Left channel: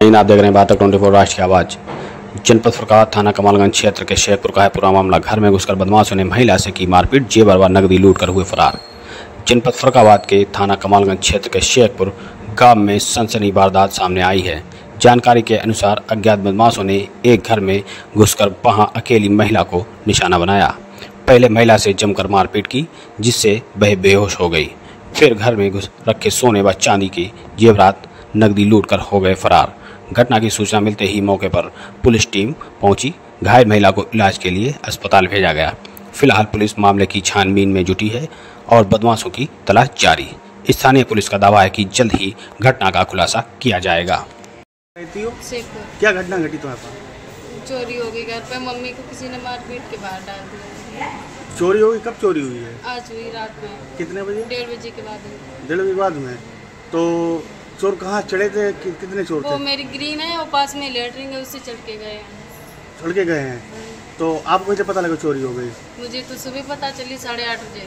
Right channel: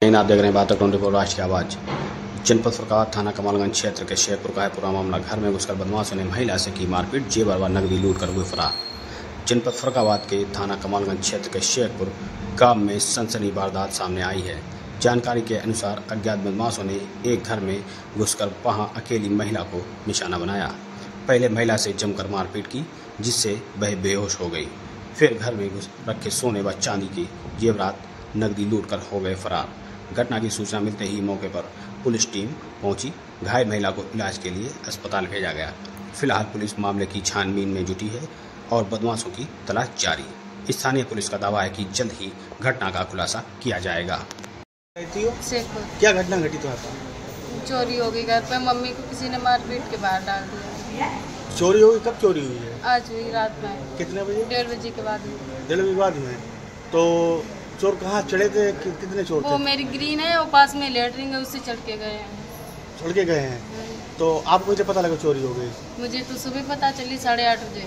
आप देख रहे हैं बातक 24 राष्ट्रीय आवाज। जनपद फुरकाबाद थाना कमालगंज क्षेत्र के शेखपुर का है पूरा मामला। घर में घुसकर बदमाशों ने महिला से की मारपीट, जेवर व नकदी लूट कर हुए फरार। जनपद फुरकाबाद के थाना कमालगंज क्षेत्र के शेखपुर गांव में सनसनी वारदात सामने आई है। जानकारी के अनुसार अज्ञात बदमाशों ने एक घर में घुसकर वहां अकेली महिला को निशाना बनाया। पहले महिला से जमकर मारपीट की, जिससे वह बेहोश हो गई। फिर घर में घुस रखे सोने व चांदी की जेवरात नकदी लूट कर हो गए फरार। घटना की सूचना मिलते ही मौके पर पुलिस टीम पहुंची। घायल महिला को इलाज के लिए अस्पताल भेजा गया। फिलहाल पुलिस मामले की छानबीन में जुटी है और बदमाशों की तलाश जारी। स्थानीय पुलिस का दावा है कि जल्द ही घटना का खुलासा किया जाएगा। क्या घटना घटी तो आपको? चोरी हो गई घर पे, मम्मी को किसी ने मारपीट के बाहर डाल दिया। चोरी हो गई? कब चोरी हुई है? आज हुई रात में। कितने बजे? 1:30 बजे के बाद हुई। 1:30 बजे के बाद में? तो चोर कहाँ चढ़े थे? कितने चोर थे? वो मेरी ग्रीन है, वो पास में लेटरिंग है, उससे चढ़ के गए हैं। चढ़ के गए हैं? तो आपको कैसे पता लगा चोरी हो गई? मुझे तो सुबह पता चली 8:30 बजे।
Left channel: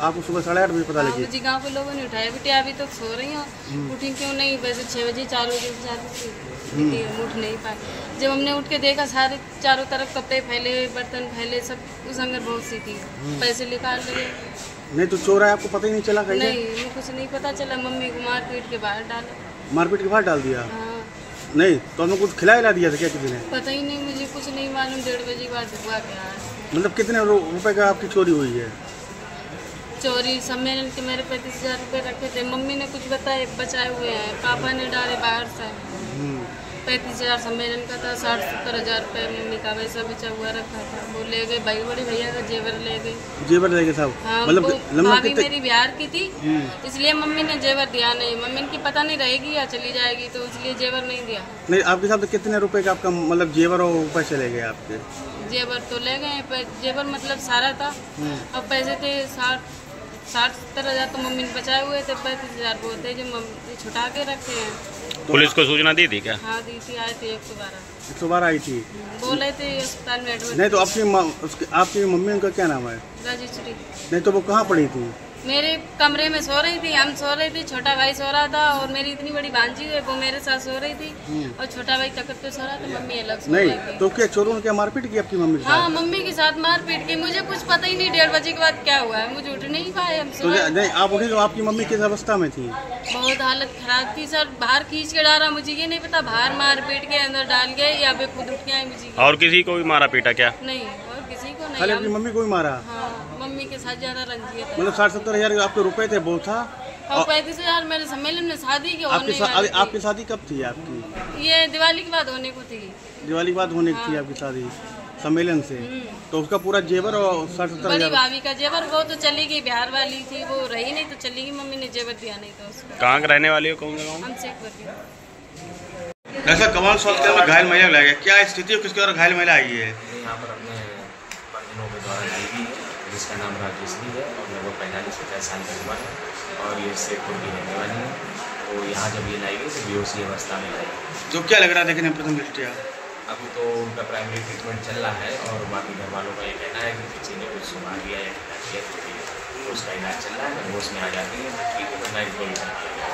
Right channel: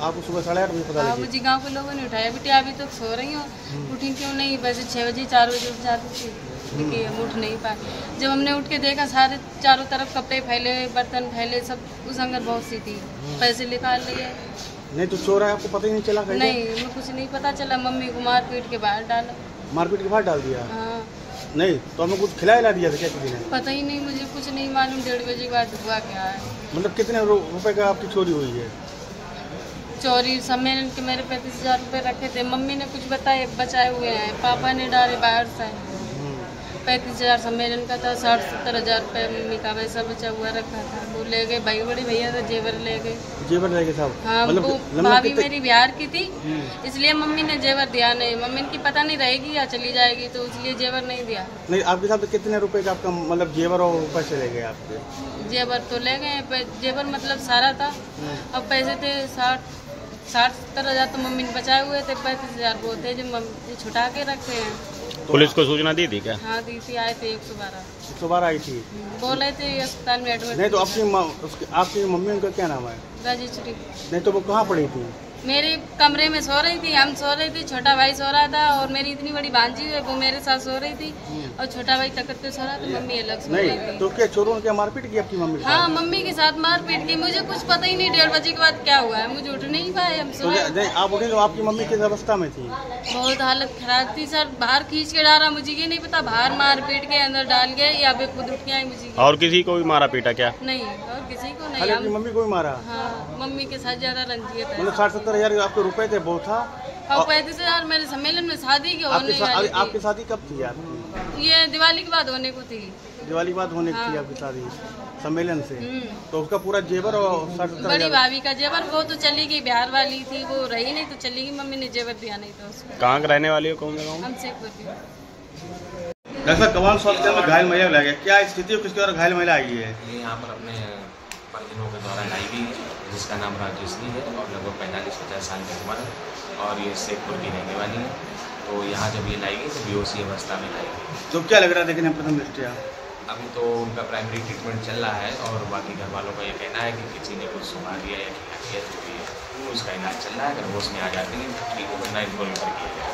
आपको सुबह 8:30 बजे पता लगी? मुझे गांव के लोगों ने उठाया, बेटी अभी तो सो रही हो, उठी क्यों नहीं? वैसे 6 बजे 4 बजे उठ जाती थी, लेकिन उठ नहीं पाए। जब हमने उठ के देखा, सारे चारों तरफ कपड़े फैले, बर्तन फैले, सब उस अंदर बहुत सी थी। पैसे निकाल लिए। नहीं तो चोर है, आपको पता ही नहीं चला? नहीं, कुछ नहीं पता चला। मम्मी को मारपीट के बाहर डाला। मारपीट के बाहर डाल दिया? हाँ। नहीं तो हमें कुछ खिला दिया था क्या किसी ने? पता ही नहीं, मुझे कुछ नहीं मालूम। 1:30 बजे के बाद हुआ क्या है। मतलब कितने रुपए का आपकी चोरी हुई है? चोरी सम्मेलन के मेरे 35,000 रुपये रखे थे। मम्मी ने कुछ बचाए हुए हैं, पापा ने डाले बाहर से। 35,000 सम्मेलन का था, 60-70,000 रुपये मम्मी का वैसा बचा हुआ रखा था। वो ले गए, भाई बड़े भैया का जेवर ले गए। जेवर ले गए साहब? हाँ, मतलब भाभी मेरी बिहार की थी, इसलिए मम्मी ने जेवर दिया नहीं। मम्मी की पता नहीं रहेगी या चली जाएगी, तो इसलिए जेवर नहीं दिया। नहीं, आपके साथ कितने रुपए का आपका मतलब जेवर और पैसे ले गए आपके? जेवर तो ले गए, जेवर मतलब सारा था। अब पैसे थे 60-70,000 तो मम्मी ने बचाए हुए थे। 35,000 वो थे जो मम्मी छुटा के रखे हैं। पुलिस को सूचना दी थी क्या? हाँ दी थी, आए थे 112। 112 आई थी? बोले थे अस्पताल में एडमिट। नहीं तो आपकी मम्मी उनका क्या नाम है? रजिस्ट्री। नहीं तो वो कहाँ पड़ी थी? मेरे कमरे में सो रही थी, हम सो रहे थे, छोटा भाई सो रहा था, और मेरी इतनी बड़ी भांजी है वो मेरे साथ सो रही थी, और छोटा भाई तकत पे सो रहा था, मम्मी अलग सो रही थी। तो क्या चोरों ने क्या मारपीट की आपकी मम्मी? हाँ, मम्मी के साथ मारपीट की। मुझे कुछ पता ही नहीं 1:30 बजे के बाद क्या हुआ है। मुझे उठ नहीं पाए, हम सो रहे। नहीं, आप उठी तो आपकी मम्मी किस अवस्था में थी? बहुत हालत खराब थी सर। बाहर खींच के डाला, मुझे ये नहीं पता बाहर मारपीट के अंदर डाल गए या फिर खुद उठ के आए। मुझे और किसी को भी मारा पीटा क्या? नहीं, और किसी को नहीं। अपनी मम्मी को ही मारा? हाँ, मम्मी के साथ ज्यादा रंजियत है। मतलब 60-70,000 आपके रुपए थे, वो था? और 35,000 मेरे सम्मेलन में शादी के होने वाली थी। आपकी शादी कब थी आपकी? ये दिवाली के बाद होने को थी। दिवाली के बाद होने की थी आपकी शादी सम्मेलन से? तो उसका पूरा जेवर और 60-70,000? बड़ी भाभी का जेवर वो तो चली गई, बिहार वाली थी, वो रही नहीं तो चली गई। मम्मी ने जेवर दिया नहीं तो उसको। कहाँ रहने वाली हो? कौन सा गाँव? हम शेखपुर के। ऐसा कमाल स्वास्थ्य में घायल महिला लगे, क्या स्थिति है? किसके द्वारा घायल महिला आई है? यहाँ पर अपने परिजनों के द्वारा लाई गई है, जिसका नाम राजेश्वरी है और लगभग 45-50 साल की उम्र है, और ये शेखपुर की रहने वाली है। तो यहाँ जब ये लाई गई तो बेहोशी अवस्था में लाई गई। तो क्या लग रहा था कि प्रथम दृष्टया? अभी तो उनका प्राइमरी ट्रीटमेंट चल रहा है, और बाकी घर वालों का ये कहना है कि किसी ने कुछ सुना दिया या खिला दिया, तो उसका इलाज चल रहा है। अगर होश में आ जाती है तो ठीक है, वरना इनको कर दिया गया।